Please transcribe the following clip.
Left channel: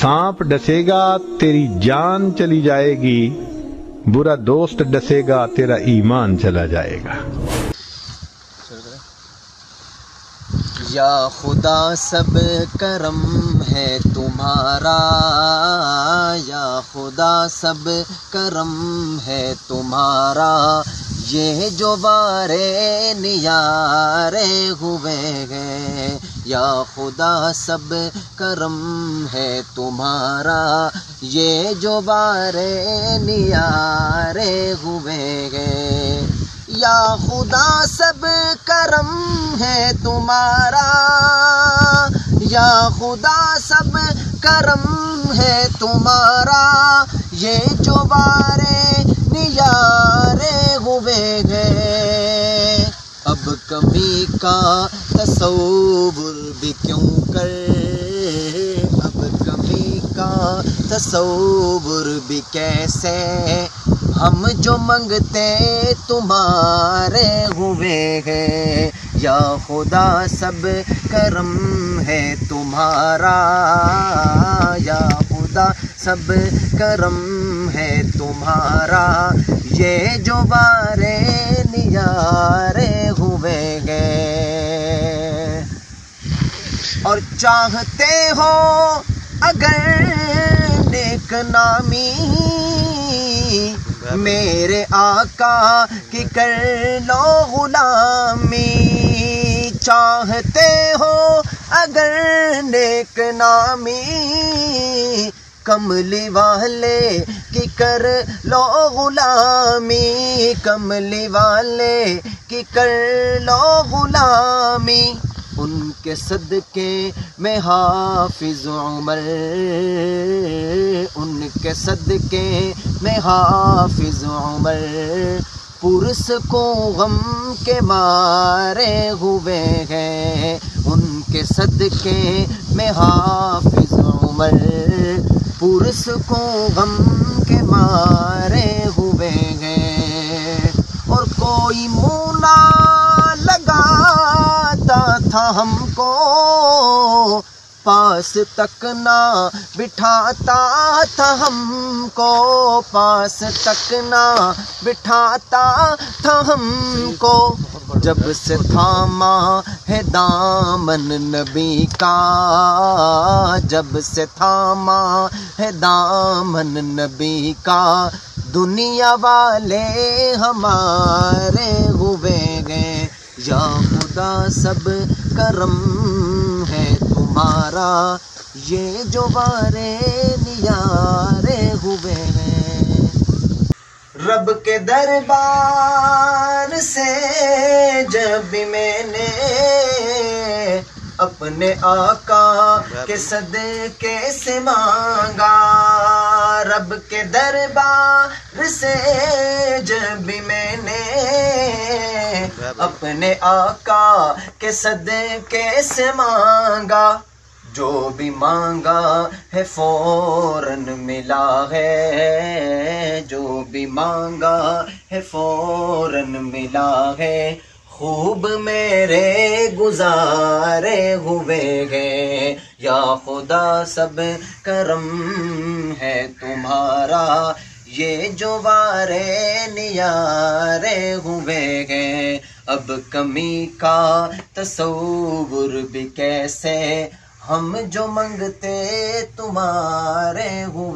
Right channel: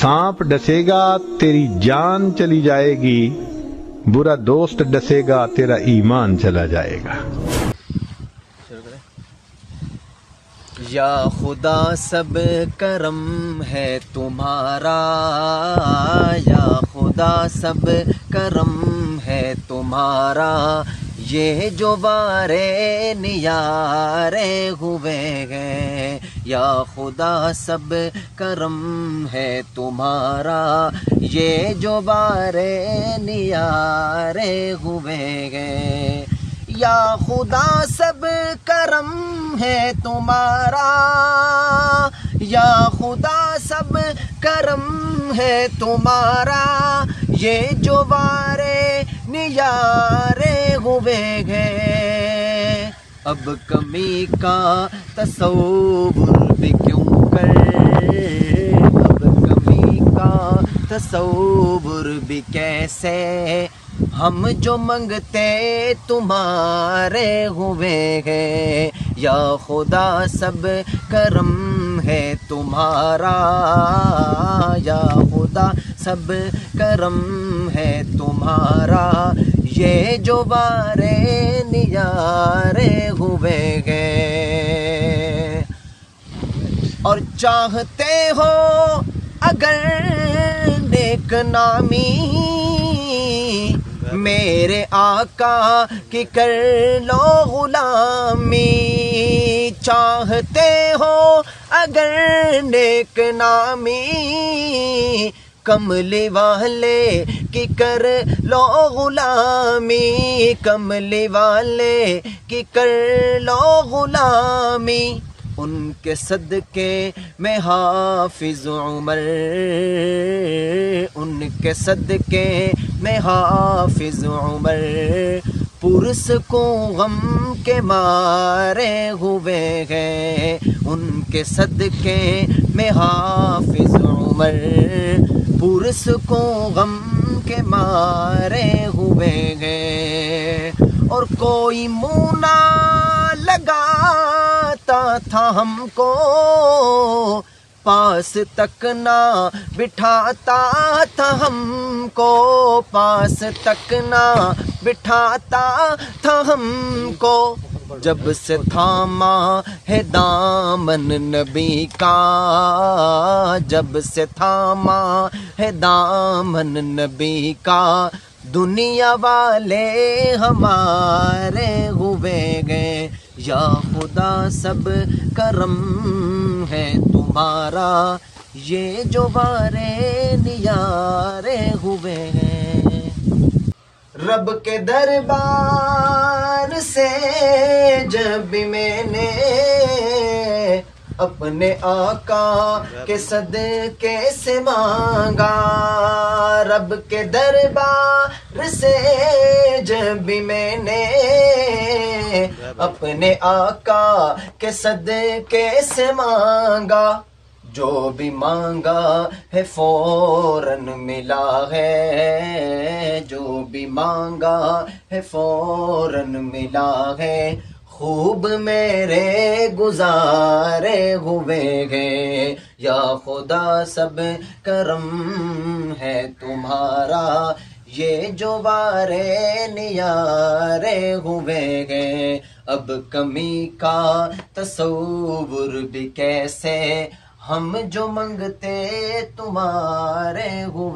सांप डसेगा तेरी जान चली जाएगी, बुरा दोस्त डसेगा तेरा ईमान चला जाएगा। या खुदा सब करम है तुम्हारा, या खुदा सब करम है तुम्हारा, ये जो वारे नियारे हुए हैं। या खुदा सब करम है तुम्हारा, ये जो वारे नियारे हुए हैं। या खुदा सब करम है तुम्हारा, या खुदा सब करम है तुम्हारा, ये जो वारे नियारे हुए हैं। अब कमी का तसव्वुर भी क्यों कर, अब कमी का तसव्वुर भी कैसे, हम जो मंगते तुम्हारे हुए हैं। या खुदा सब करम है तुम्हारा, या खुदा सब करम है तुम्हारा, ये जो वारे नियारे हुए हैं। और चाहते हो अगर नेक नामी, मेरे आका की कर लो गुलामी। चाहते हो अगर नेक नामी, कमली वाले की कर लो गुलामी, कमली वाले की कर लो गुलामी। उनके सदके में हाफिज उमर, उनके सदके में हाफिज उमर, पुरस को गम के मारे हुए हैं। उनके सदके में हाफिज उमर, पुरस को गम के मारे हुए हैं। और कोई मुँह ना लगाता था हमको, पास तक ना बिठाता था हमको, पास तक ना बिठाता था हमको। जब से थामा है दामन नबी का, जब से थामा है दामन नबी का, दुनिया वाले हमारे हुए गए। या खुदा सब करम है तुम्हारा, ये जो वारे नियारे हुए हैं। रब के दरबार से जब भी मैंने अपने आका के सदके से मांगा, रब के दरबार से जब भी मैंने अपने आका के सदके से मांगा, जो भी मांगा है फौरन मिला है, जो भी मांगा है फौरन मिला है। खूब मेरे गुजारे हुए हैं। या खुदा सब करम है तुम्हारा, ये जो वारे नियारे हुए हैं। अब कमी का तसव्वुर भी कैसे, हम जो मंगते तुम्हारे हुए